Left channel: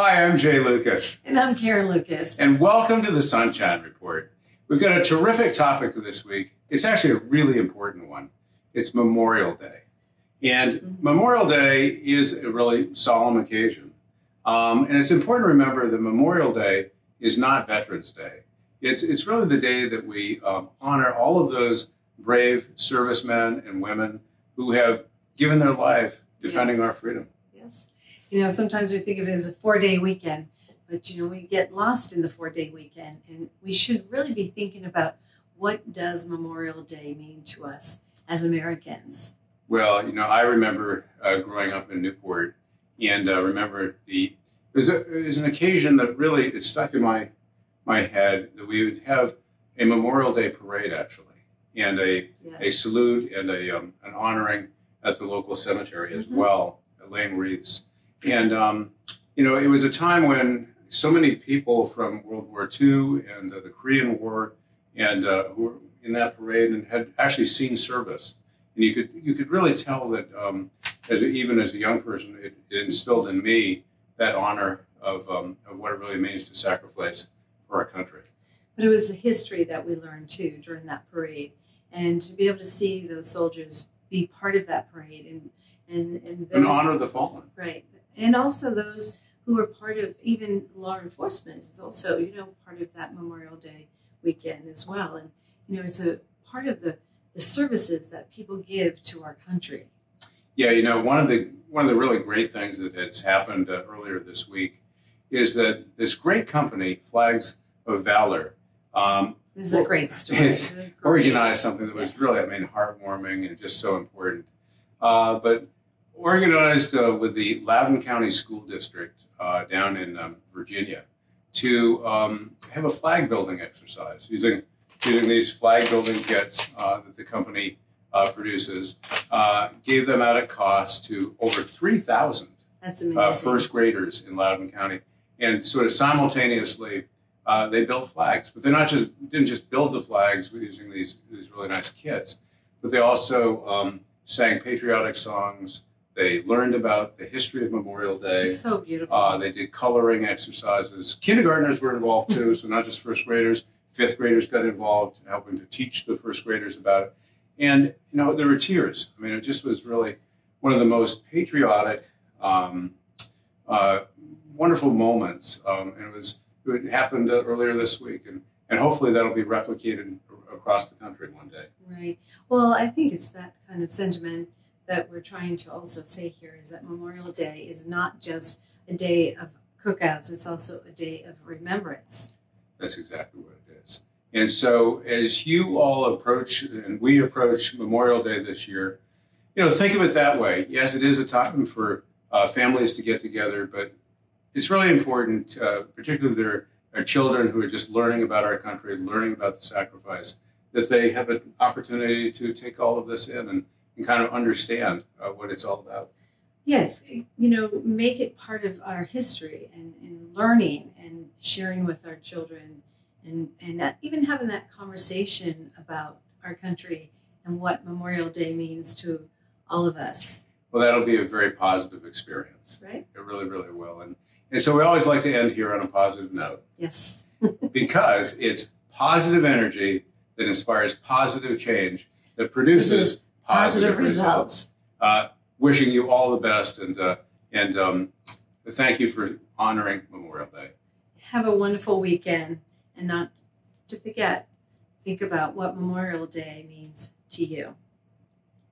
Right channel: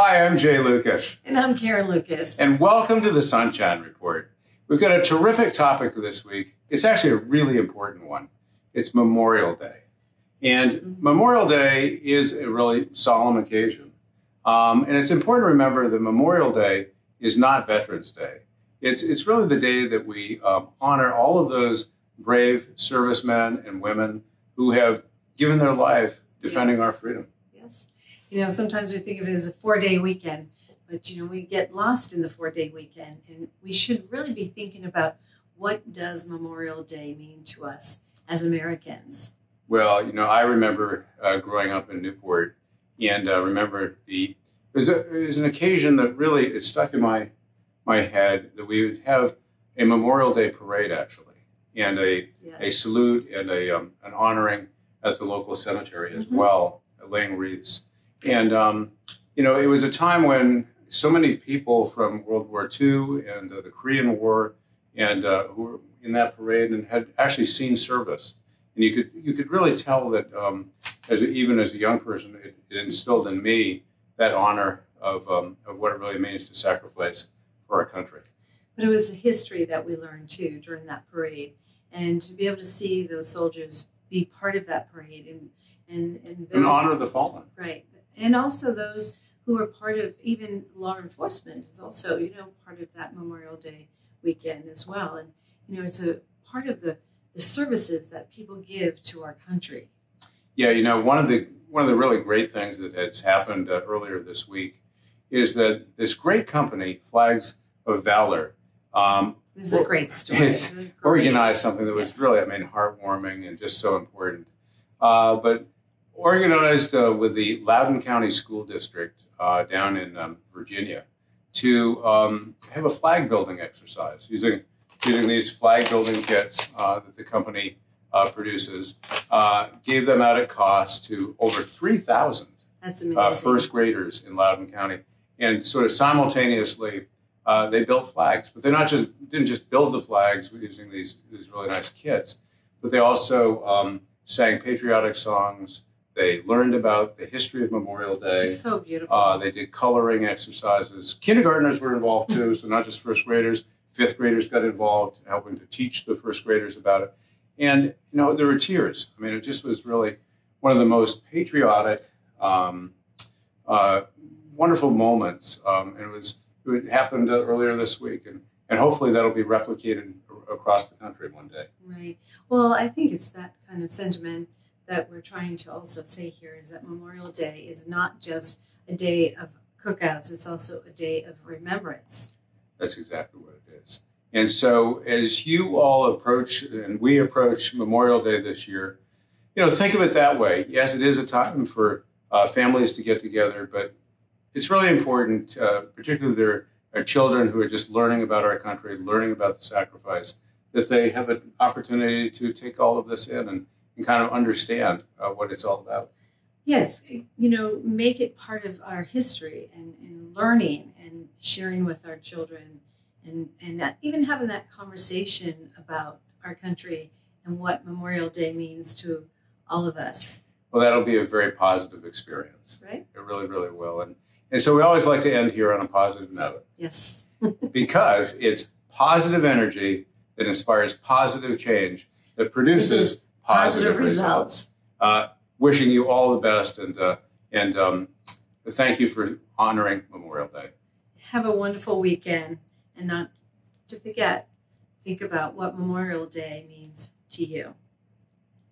Hi, I'm Jay Lucas. And I'm Karen Lucas. And welcome to the Sunshine Report. We've got a terrific topic for this week. It's actually a really important one. It's Memorial Day. And Memorial Day is a really solemn occasion. And it's important to remember that Memorial Day is not Veterans Day. It's really the day that we honor all of those brave servicemen and women who have given their life defending our freedom. Yes. You know, sometimes we think of it as a 4-day weekend, but, we get lost in the 4-day weekend. And we should really be thinking about, what does Memorial Day mean to us as Americans? Well, I remember growing up in Newport, and remember it was an occasion that really, it stuck in my head, that we would have a Memorial Day parade, actually, and a salute and an honoring at the local cemetery as well, laying wreaths. And, it was a time when so many people from World War II and the Korean War and who were in that parade and had actually seen service. And you could really tell that even as a young person, it instilled in me that honor of what it really means to sacrifice for our country. But it was the history that we learned, too, during that parade. And to be able to see those soldiers be part of that parade and honor the fallen. Right. And also those who are part of even law enforcement is also, part of that Memorial Day weekend as well. And, it's a part of the services that people give to our country. Yeah, one of the really great things that has happened earlier this week is that this great company, Flags of Valor, this is a great story. It's organized something that was really, heartwarming and just so important. But organized with the Loudoun County School District down in Virginia to have a flag building exercise using these flag building kits that the company produces. Gave them out at cost to over 3,000 first graders in Loudoun County, and sort of simultaneously they built flags. But they didn't just build the flags using these really nice kits, but they also sang patriotic songs. They learned about the history of Memorial Day. It's so beautiful. They did coloring exercises. Kindergartners were involved too, so not just first graders. Fifth graders got involved, helping to teach the first graders about it. And, there were tears. It just was really one of the most patriotic, wonderful moments. And it happened earlier this week. And hopefully that'll be replicated across the country one day. Right. Well, I think it's that kind of sentiment that we're trying to also say here, is that Memorial Day is not just a day of cookouts. It's also a day of remembrance. That's exactly what it is. And so as you all approach, and we approach Memorial Day this year, think of it that way. Yes, it is a time for families to get together, but it's really important, particularly if there are children who are just learning about our country, learning about the sacrifice, that they have an opportunity to take all of this in and kind of understand what it's all about. Yes, make it part of our history and learning and sharing with our children and even having that conversation about our country and what Memorial Day means to all of us. Well, that'll be a very positive experience. Right? It really, really will. And so we always like to end here on a positive note. Yes. Because it's positive energy that inspires positive change that produces positive results. Wishing you all the best, and thank you for honoring Memorial Day. Have a wonderful weekend, and not to forget, think about what Memorial Day means to you.